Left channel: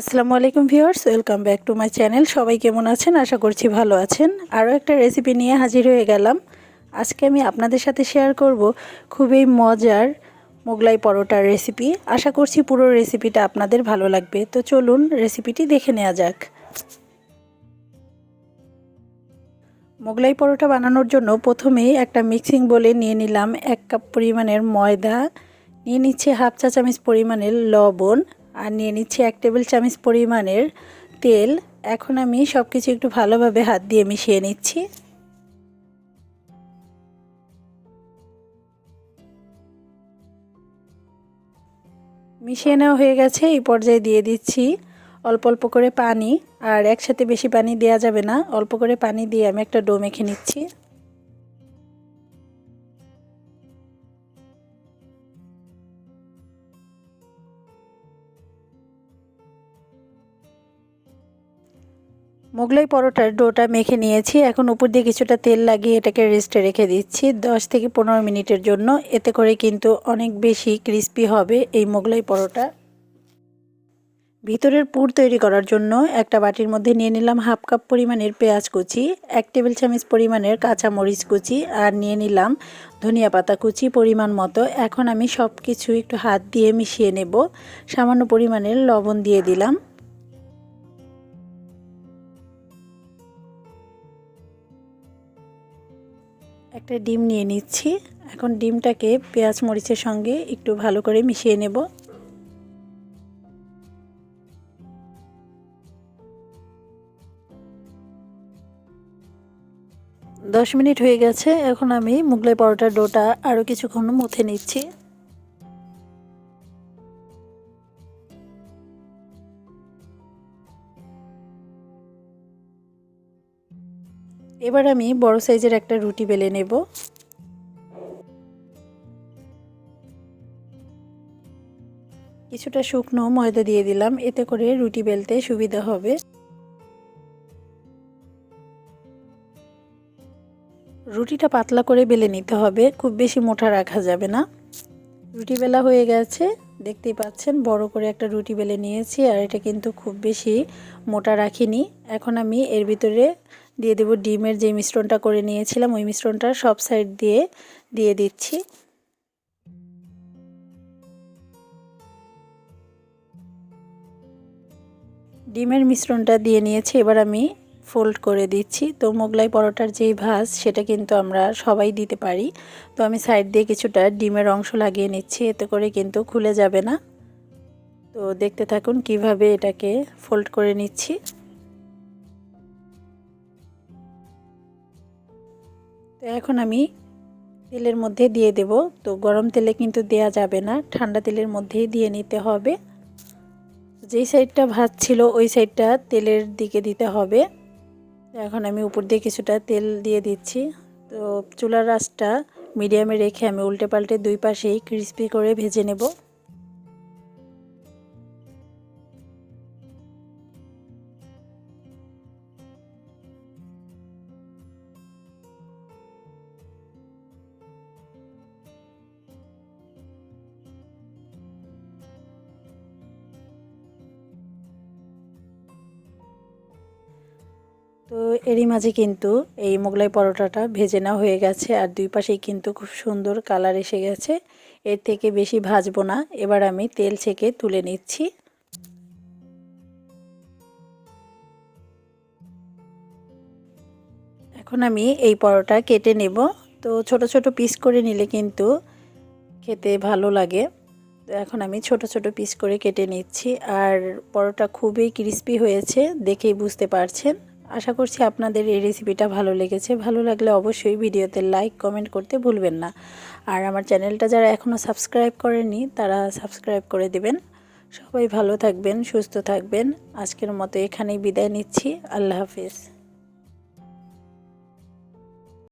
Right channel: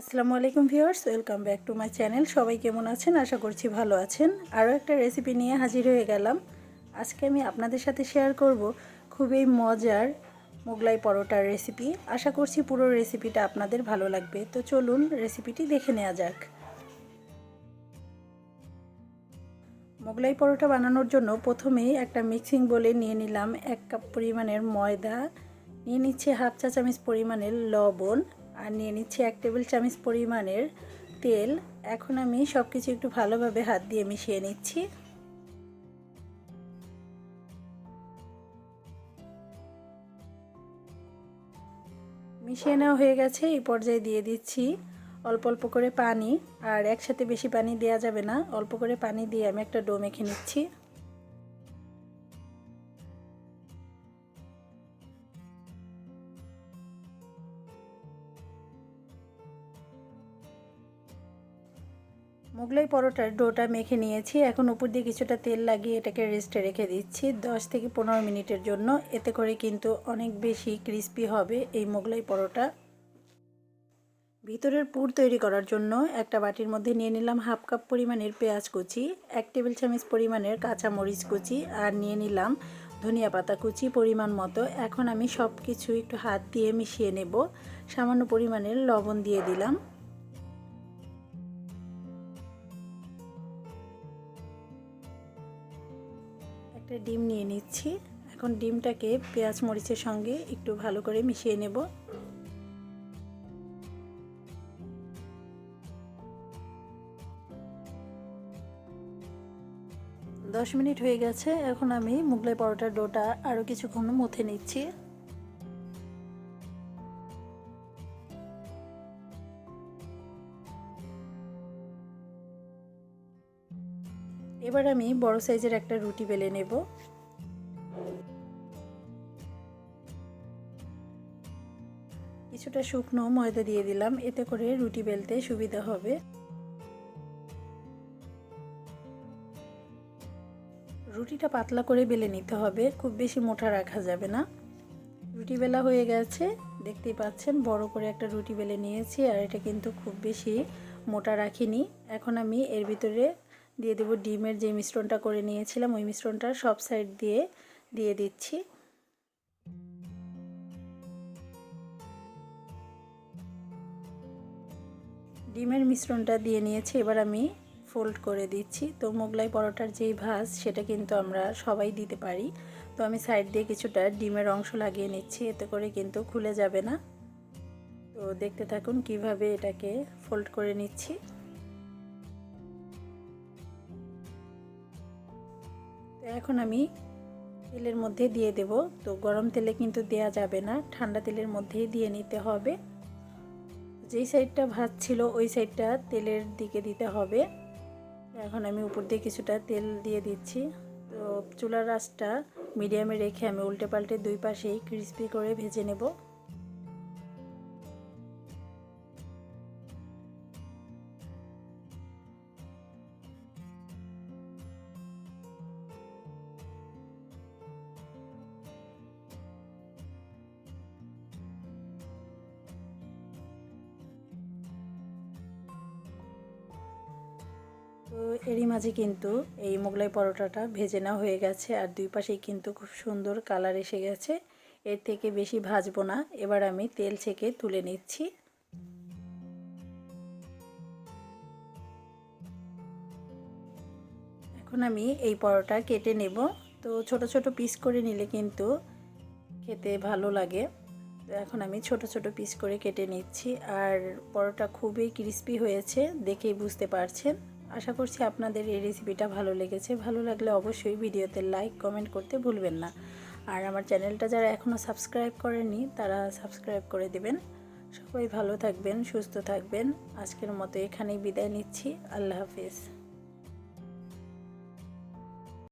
আসসালামু আলাইকুম viewers, welcome back to my channel. সবাই কেমন আছেন? আশা করছি ভালো আছেন। আরও একটা রেসিপি নিয়ে হাজির হয়ে গেলাম। আজকে আমি আপনাদের সাথে শেয়ার করব খুবই মজার মোগলাই পরোটার রেসিপি আশা করছি পুরো রেসিপিটা আপনাদের ভালো লাগবে। তো চলুন রেসিপিটি দেখে নেওয়া যাক। মোগলাই পরোটা বানানোর জন্য প্রথমেই একটা মিক্সিং বলে নিয়ে নিলাম এক কাপ পরিমাণের ময়দা। নিয়ে নিচ্ছে হাফ চা চামচ পরিমাণের লবণ। আর নিয়ে নিচ্ছি এক টেবিল চামচ পরিমাণের তেল। এখন আমি সব কিছু একটু ভালোভাবে হাত দিয়ে মিশিয়ে নিচ্ছি। মিশিয়ে নেওয়া হয়ে গেছে, এই পর্যায়ে দিয়ে দিচ্ছি অল্প অল্প করে পানি। আর একসাথে বেশি পানি দেওয়া যাবে না, অল্প করে পানি দিয়ে আমি একটা ডো মেখে নিচ্ছি। মোগলাই পরোটার ডোটা মেখে নিয়েছি। এখন উপর দিয়ে কিছুটা তেল লাগিয়ে এটাকে রেস্টে রেখে দিচ্ছি। 10 থেকে পনেরো মিনিটের জন্য। এতে করে কিন্তু অনেক বেশি ক্রিস্পি হবে এই মোগলাই পরোটা। ভিতরের পুর তৈরি করার জন্য একটা বাটির মধ্যে নিয়ে নিলাম হাফ কাপ পরিমাণের পেঁয়াজ কুচি, এক টেবিল চামচ পরিমাণের কাঁচা মরিচ কুচি আর নিয়ে নিলাম ধনিয়া পাতা কুচি পরিমাণ মতো। এখন আমি সব কিছু একটু হাত দিয়ে মিশিয়ে নেব। সামান্য পরিমাণের লবণ দিয়ে দিলাম। একটা ডিম নিয়ে নিচ্ছি। এখন ডিমটাকে পেঁয়াজ মরিচের সঙ্গে একটু ভালো করে মিশিয়ে নেব। দশ মিনিট হয়ে গেছে। এখন আমি মুগলাই পরোটার ডোটা আরও কিছুক্ষণ মুথে নিচ্ছি। এবার আমি বড় সাইজের একটা রুটি বেলে নেব। কিছুটা শুকনো ময়দা দিয়ে দিলাম, এতে করে রুটি বেলতে সুবিধা হবে। রুটিটা পাতলা করে বেলে নিতে হবে, খুব বেশি মোটা রাখা যাবে না। রুটি বেলা হয়ে গেছে, দেখতেই পাচ্ছেন বড় করে একটা রুটি বেলে নিয়েছি, আর এটা কিন্তু খুব বেশি মোটা রাখিনি। এখন আমি এর ভিতরে দিয়ে দেব ডিমের যে মিশ্রণটা করে নিয়েছিলাম, ওই মিশ্রণটা সব সাইড দিয়ে দিয়ে দিচ্ছি। ডিমের মিশ্রণটা দিয়ে নিয়েছি, এবার আমি ফোল্ড করে দিচ্ছি। তো মোগলাই পরোটার যেই ভাজ, সেটা কিন্তু আমরা সবাই দিতে পারি। তো আমি সাইড দিয়ে কিছুটা ডিমের অংশ লাগিয়ে নিচ্ছি, এতে করে কিন্তু খুলে যাবে না। তো দেখতে থাকুন কীভাবে এটাকে ফোল্ড করে নিচ্ছি। এখন আমি তেলের মধ্যে দিয়ে দেব। তো গরম তেলে কিন্তু দেয়া যাবে না, ঠান্ডা তেলের মধ্যেই দিয়ে নিতে হবে। যেই সাইডটা ভাত ছিল, ওই সাইডটা তেলের দিকে দিতে হবে। এখন আমি উপর দিয়ে কিছুটা তেল দিয়ে দিচ্ছি। তো চুলার রাসটা মিডিয়ামে রেখে আমি উল্টে পাল্টে দুই পাশেই ক্রিস্পি করে ভেজে নেব। তো এরই মাঝে কিন্তু এই মোগলাই পরোটাটা ভেজে নেওয়া হয়ে গেছে আর দুই পাশেই কিন্তু খুব সুন্দর কালার এসে গেছে। এর থেকে বেশি ভাজবো না। এবার আমি তেল ছেঁকে তুলে নিচ্ছি। এখন আমি এই পরোটা কেটে নেব। তো ছোট ছোট পিস করে নিলে কিন্তু খেতে ভালো লাগে। তো এখন আমি ছোট ছোট পিস করে কেটে নিচ্ছি। আর পরোটা খুবই ক্রিস্পি হয়েছে, দেখেই বুঝতে পারছেন। আশা করছি আপনাদের এই রেসিপিটা ভালো লেগেছে। ভালো লাগলে অবশ্যই ভিডিওতে লাইক কমেন্ট করতে ভুলবেন না। আর আমার চ্যানেলটা যারা এখনও সাবস্ক্রাইব করেনি তারা সাবস্ক্রাইব করে দেবেন। সবাই ভালো থাকবেন, সুস্থ থাকবেন। আজকের মতো এখানেই বিদায় নিচ্ছি। আল্লাহ হাফিজ।